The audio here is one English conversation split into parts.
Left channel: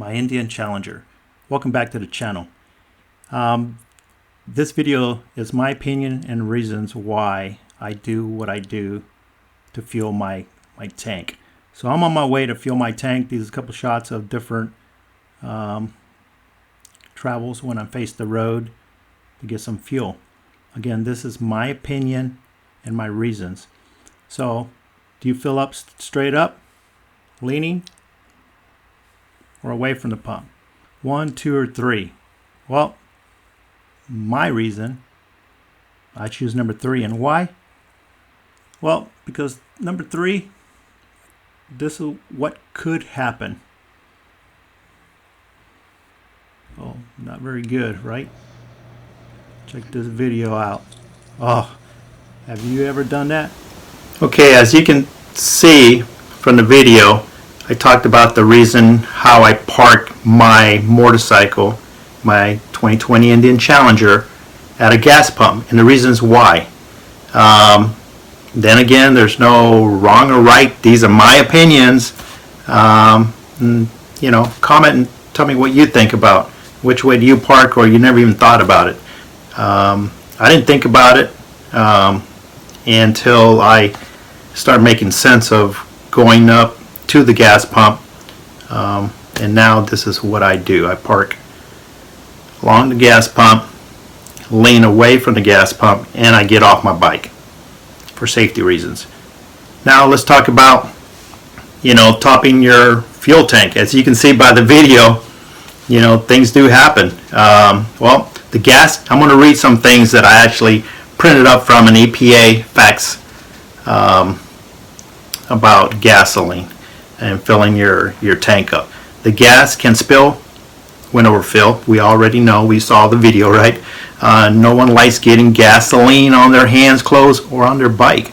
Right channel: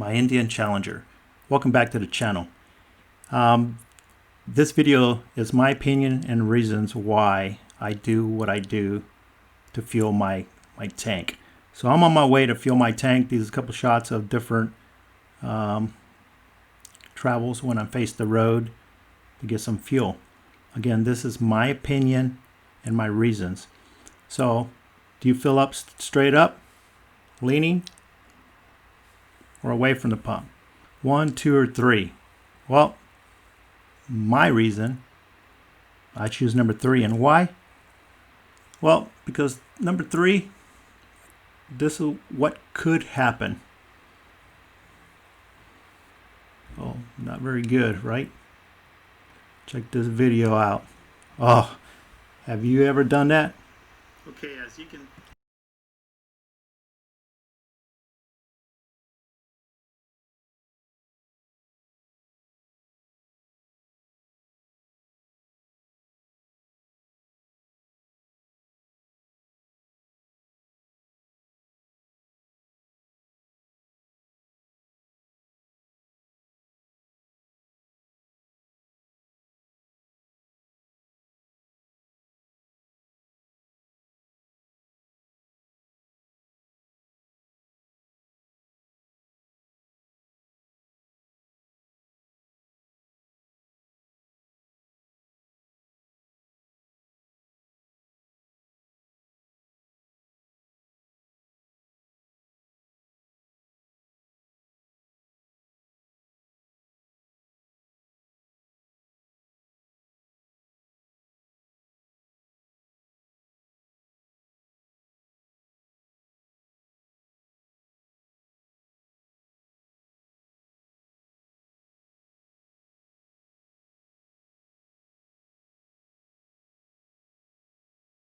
my Indian Challenger. Welcome back to the channel. This video is my opinion and reasons why I do what I do to fuel my tank. So I'm on my way to fuel my tank. These are a couple shots of different travels when I face the road to get some fuel. Again, this is my opinion and my reasons. So do you fill up straight up, leaning, or away from the pump? 1, 2, or 3? Well, my reason, I choose number 3. And why? Well, because number 3, this is what could happen. Oh, not very good, right? Check this video out. Oh, have you ever done that? Okay, as you can see from the video, I talked about the reason how I park my motorcycle, my 2020 Indian Challenger, at a gas pump, and the reasons why. Then again, there's no wrong or right. These are my opinions. Comment and tell me what you think about which way do you park, or you never even thought about it. I didn't think about it until I started making sense of going up to the gas pump, and now this is what I do. I park along the gas pump, lean away from the gas pump, and I get off my bike for safety reasons. Now let's talk about topping your fuel tank. As you can see by the video, things do happen. Well, the gas, I'm going to read some things that I actually printed up from an EPA facts about gasoline and filling your tank up. The gas can spill when overfilled. We already know, we saw the video, right? No one likes getting gasoline on their hands, clothes, or on their bike.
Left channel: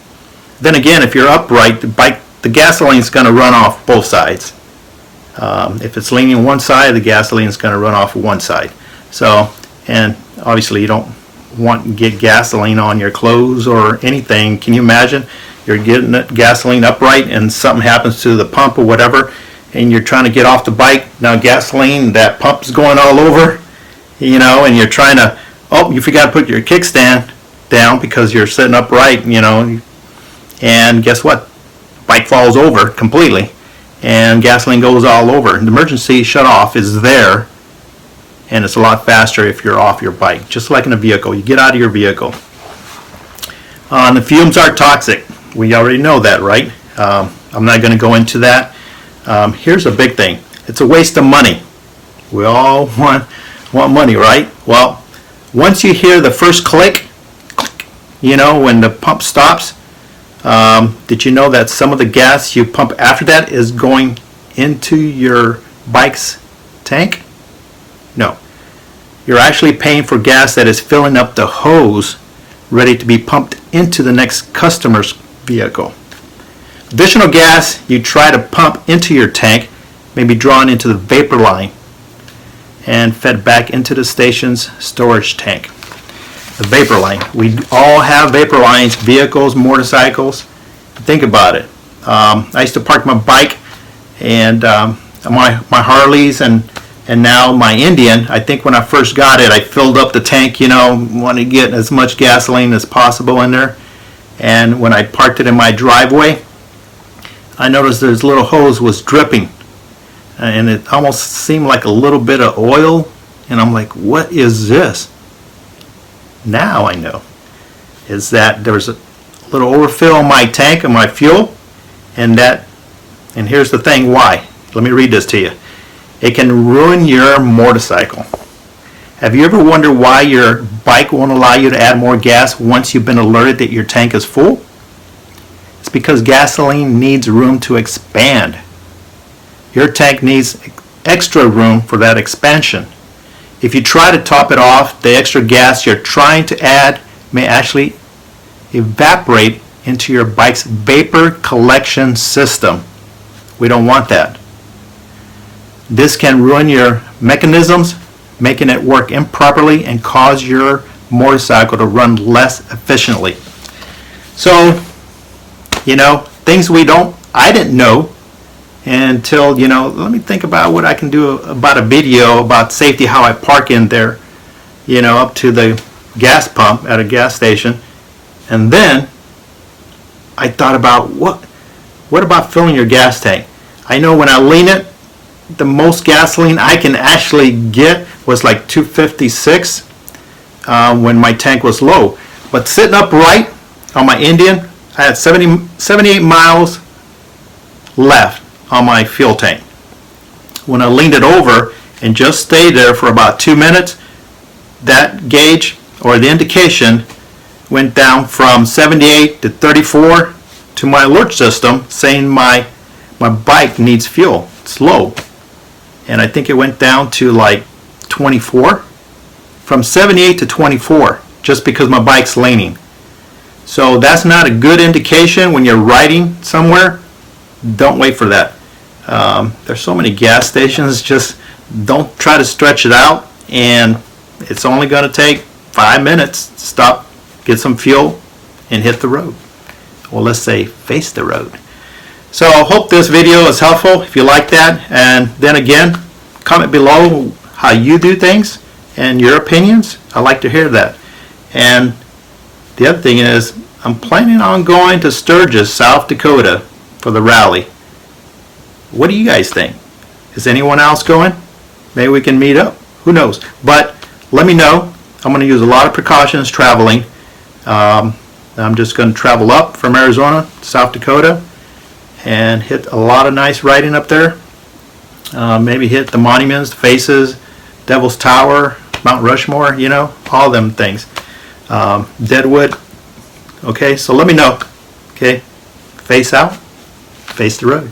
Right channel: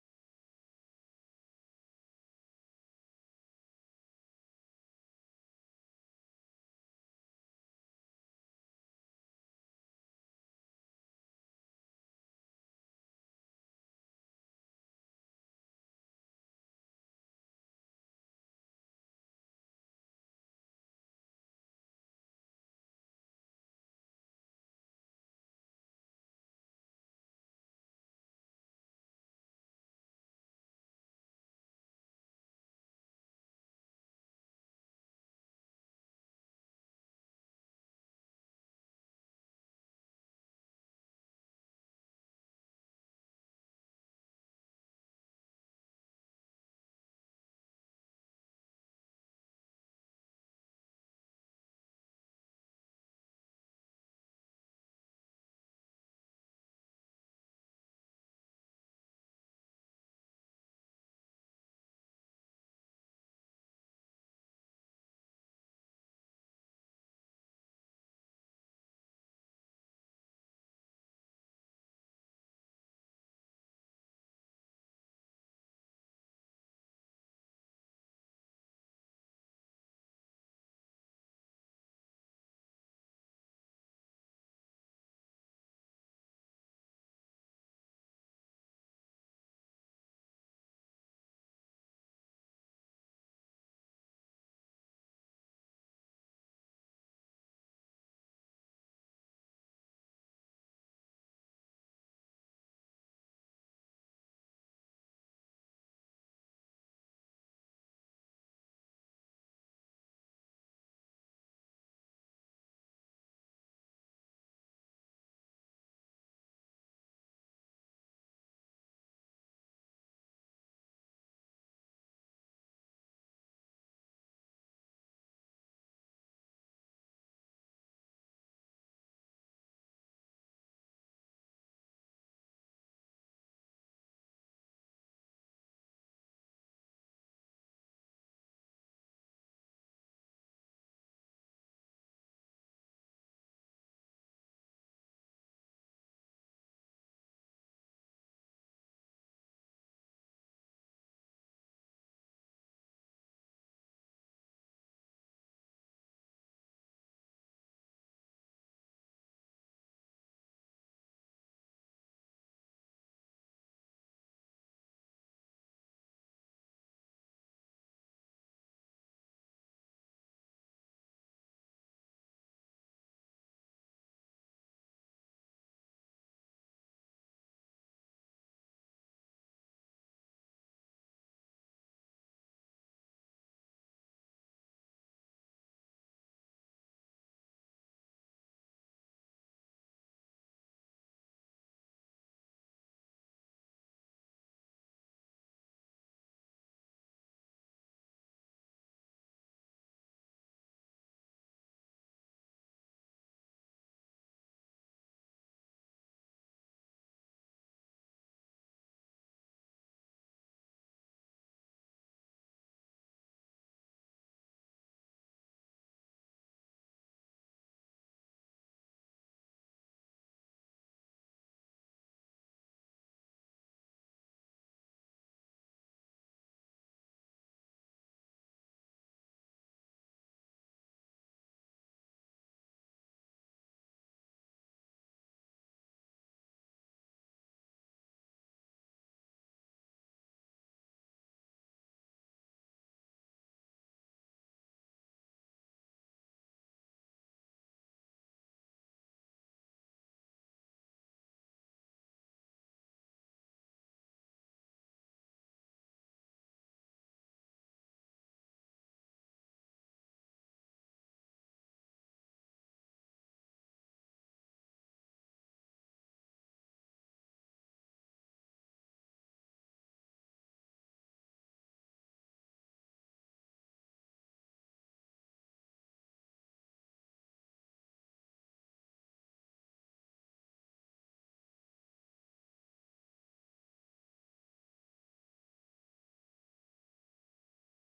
Then again, if you're upright, the gasoline is going to run off both sides. If it's leaning one side, the gasoline is going to run off one side. So, and obviously you don't want to get gasoline on your clothes or anything. Can you imagine? You're getting gasoline upright and something happens to the pump or whatever, and you're trying to get off the bike. Now gasoline, that pump's going all over, and you're trying to, oh, you forgot to put your kickstand down because you're sitting upright, and guess what? Bike falls over completely and gasoline goes all over. The emergency shutoff is there, and it's a lot faster if you're off your bike, just like in a vehicle. You get out of your vehicle. The fumes are toxic. We already know that, right? I'm not going to go into that. Here's a big thing. It's a waste of money. We all want money, right? Well, once you hear the first click, when the pump stops, did you know that some of the gas you pump after that is going into your bike's tank? No. You're actually paying for gas that is filling up the hose ready to be pumped into the next customer's vehicle. Additional gas you try to pump into your tank may be drawn into the vapor line and fed back into the station's storage tank. The vapor line. We all have vapor lines, vehicles, motorcycles. Think about it. I used to park my bike and my Harleys and now my Indian. I think when I first got it, I filled up the tank, wanted to get as much gasoline as possible in there. And when I parked it in my driveway, I noticed this little hose was dripping, and it almost seemed like a little bit of oil, and I'm like, what is this? Now I know is that there was a little overfill in my tank of my fuel, and here's the thing why. Let me read this to you. It can ruin your motorcycle. Have you ever wondered why your bike won't allow you to add more gas once you've been alerted that your tank is full? It's because gasoline needs room to expand. Your tank needs extra room for that expansion. If you try to top it off, the extra gas you're trying to add may actually evaporate into your bike's vapor collection system. We don't want that. This can ruin your mechanisms, making it work improperly and cause your motorcycle to run less efficiently. So, things I didn't know until, you know, let me think about what I can do about a video about safety, how I park in there, you know, up to the gas pump at a gas station. And then I thought about what about filling your gas tank? I know when I lean it, the most gasoline I can actually get was like 256 when my tank was low. But sitting upright on my Indian, I had 78 miles left on my fuel tank. When I leaned it over and just stayed there for about 2 minutes, that gauge or the indication went down from 78 to 34 to my alert system saying my bike needs fuel. It's low. And I think it went down to like 24. From 78 to 24 just because my bike's leaning. So that's not a good indication when you're riding somewhere. Don't wait for that. There's so many gas stations, just don't try to stretch it out, and it's only going to take 5 minutes to stop, get some fuel, and hit the road. Well, let's say face the road. So I hope this video is helpful if you like that, and then again, comment below how you do things and your opinions. I like to hear that. And the other thing is, I'm planning on going to Sturgis, South Dakota for the rally. What do you guys think? Is anyone else going? Maybe we can meet up. Who knows? But let me know. I'm going to use a lot of precautions traveling. I'm just going to travel up from Arizona to South Dakota and hit a lot of nice riding up there. Maybe hit the monuments, the faces, Devil's Tower, Mount Rushmore, you know, all them things. Deadwood. Okay, so let me know. Okay, face out, face the road.